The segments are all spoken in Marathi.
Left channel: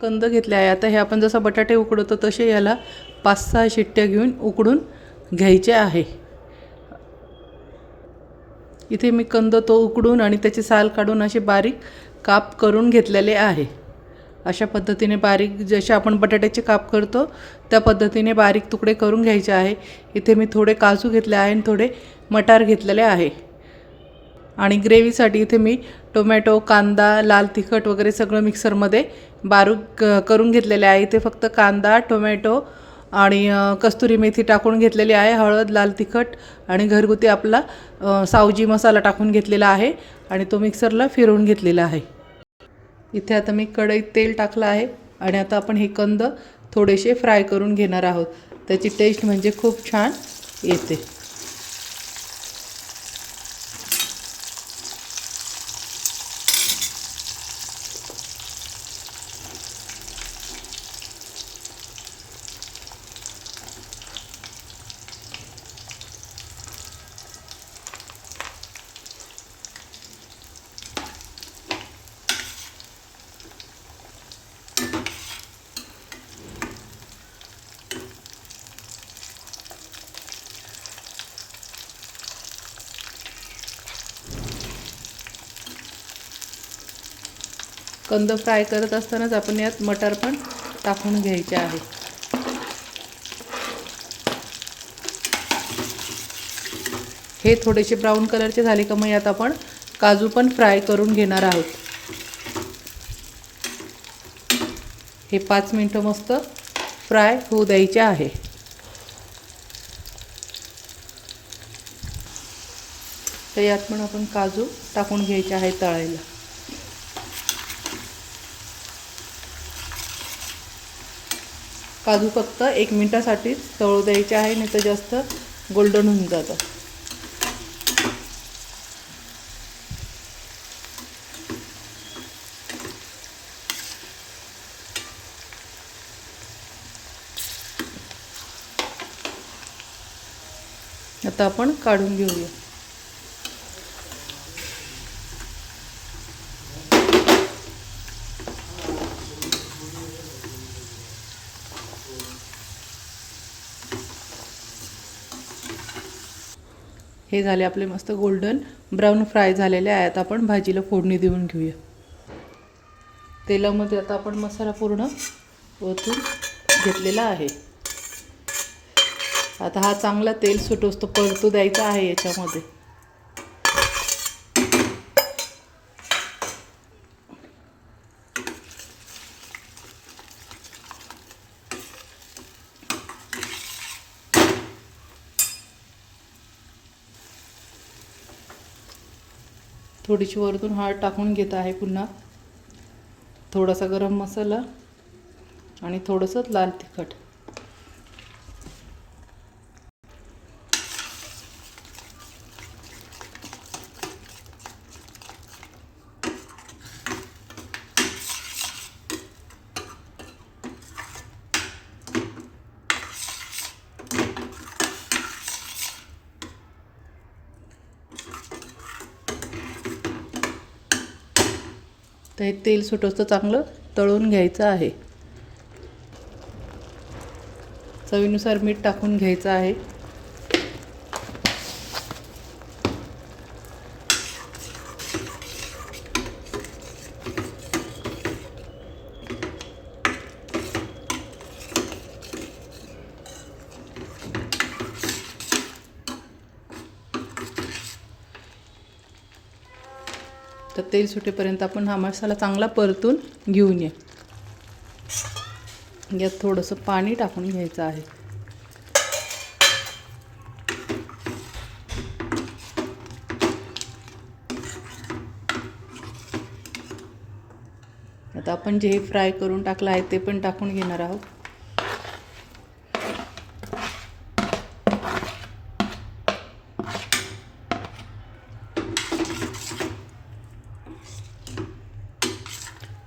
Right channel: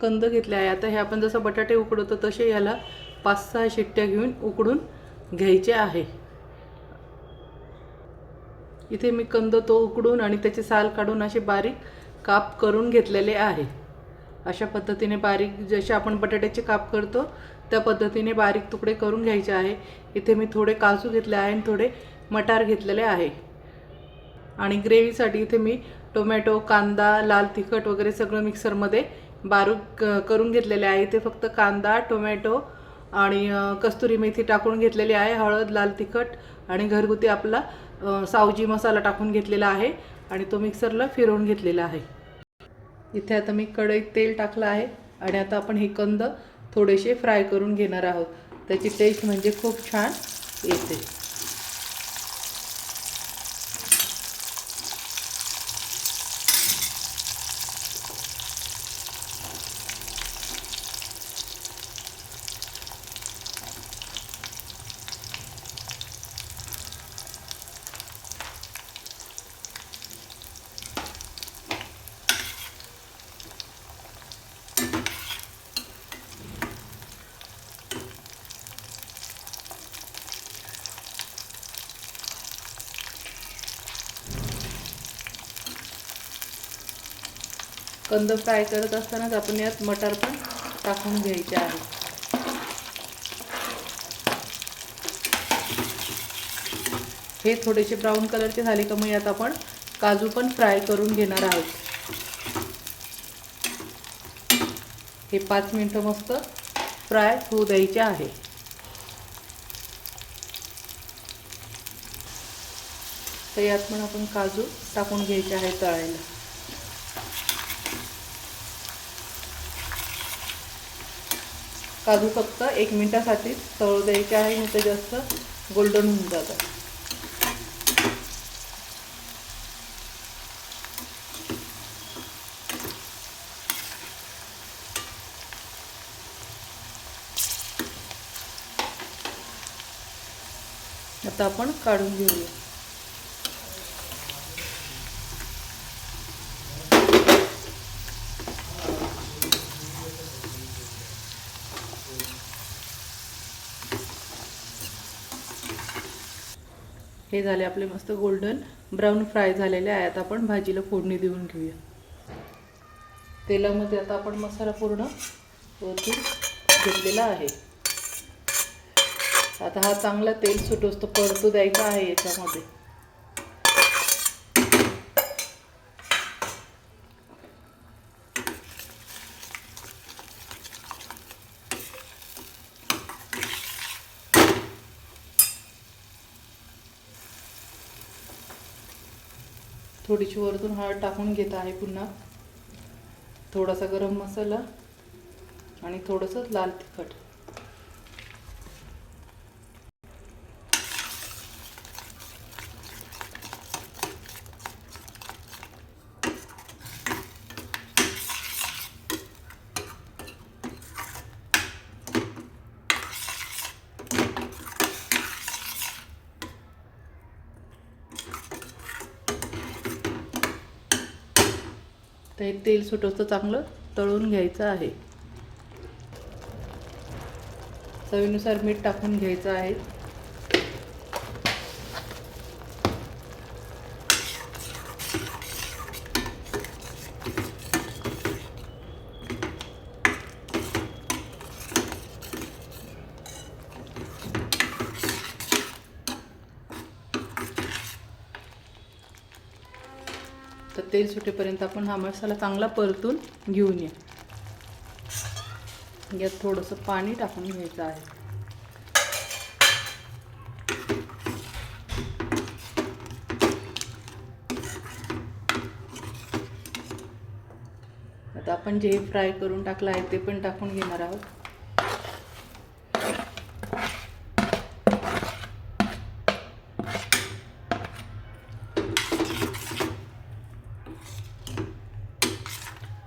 कंद घेतले आहे. आता हे आपण जसं बटाटे उकडवतो तसे याला 5-6 शिट्ट्या घेऊन उकडून घ्यायचे आहे. इथे मी कंद तो उकडून आणि त्याची साल काढून असे बारीक काप करून घेतलेले आहे. अशा पद्धतीने बारीक जसे आपण बटाट्याचे काप करतो त्या पद्धतीने बारीक तुकडे करून घ्यायचे आहे. इथे मी थोडे काजू घेतले आहे आणि थोडे मटार घेतलेले आहे. आणि ग्रेव्हीसाठी इथे मी टोमॅटो, कांदा, लाल तिखट वगैरे सगळं मिक्सरमध्ये बारीक करून घेतलेले आहे. इथे फक्त कांदा, टोमॅटो आणि कस्तुरी मेथी टाकून घेतलेली आहे. हळद, लाल तिखट आणि घरगुती आपला सावजी मसाला टाकून घेतलेला आहे आणि तो मिक्सरला फिरवून घेतलेला आहे. इथे आता मी कढईत तेल टाकलं आहे आणि आता आपण हे कंद थोडेसे फ्राय करून घेणार आहोत. त्याची टेस्ट म्हणजे खूप छान येते. कंद फ्राय करत असतानाच आपण यात मटार पण टाकून घ्यायचे आहे. हे थोडेसे ब्राऊन कलरचे झाले का मग यात आपण काजू पण फ्राय करून घेणार आहोत. हे 5 मिनिटं मस्त फ्राय होऊ द्यायचे आहे. तर यात पण आपण काजू टाकून घ्यायचे आहे तळायला. काजू फक्त 1 मिनिटासाठी तळू द्यायचे आहे, नाही तर जास्त गोल्डन होऊन जातं. आता आपण काढून घेऊया. हे झाले आपले मस्त गोल्डन ब्राऊन फ्राय झालेले आहेत. आपण भाजीला फोडणी देऊन घेऊया. तेलामध्ये आता आपण मसाला पूर्ण ओतून घेतलेला आहे. आता हा चांगला तेल सुटोस्तो परतू द्यायचा आहे याच्यामध्ये. थोडीशी वरतून हळद टाकून घेत आहे. पुन्हा थोडासा गरम मसाला आणि थोडंसं लाल तिखट. तर हे तेल सुटोचं चांगलं तळून घ्यायचं आहे. चवीनुसार मीठ टाकून घ्यायचं आहे. तर तेल सुटेपर्यंत आपण हा मसाला चांगला परतून घेऊन ये. यात थोडंसं पाणी टाकून घ्यायचं आहे. आता आपण जे फ्राय करून टाकलं आहे ते पण टाकून घेणार आहोत.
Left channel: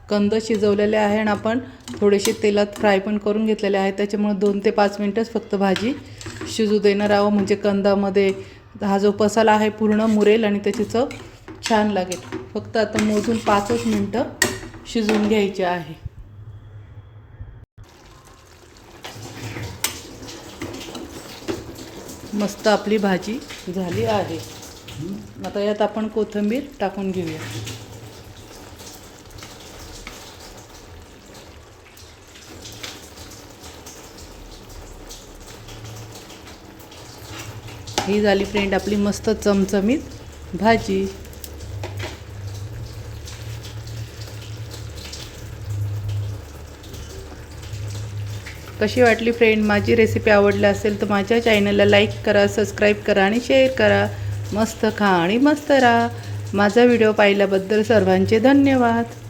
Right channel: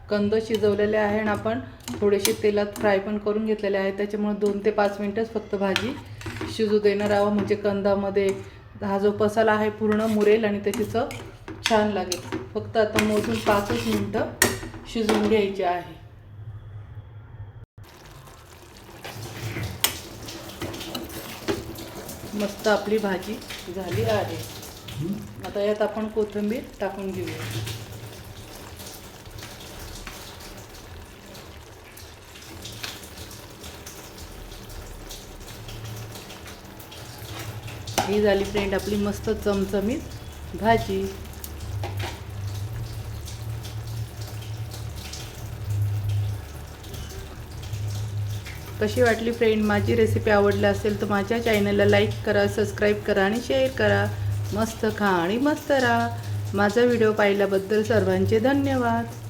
कंद शिजवलेले आहे आणि आपण थोडेसे तेलात फ्राय पण करून घेतलेले आहे. त्याच्यामुळे 2 ते 5 मिनिटच फक्त भाजी शिजू देणार आहोत. म्हणजे कंदामध्ये हा जो मसाला आहे पूर्ण मुरेल आणि त्याची चव छान लागेल. फक्त आता मोजून 5च मिनिटं शिजवून घ्यायचे आहे. मस्त आपली भाजी झाली आहे. आता यात आपण कोथिंबीर टाकून घेऊया. ही झाली फ्रेंड आपली मस्त चमचमीत भाजी. कशी वाटली फ्रेंड माझी रेसिपी? आवडली असेल तर माझ्या चॅनलला लाईक करा, सबस्क्राईब करा आणि शेअर करा. मस्त खा आणि मस्त राहा. माझा व्हिडिओ पाहिल्याबद्दल सर्वांचे धन्यवाद.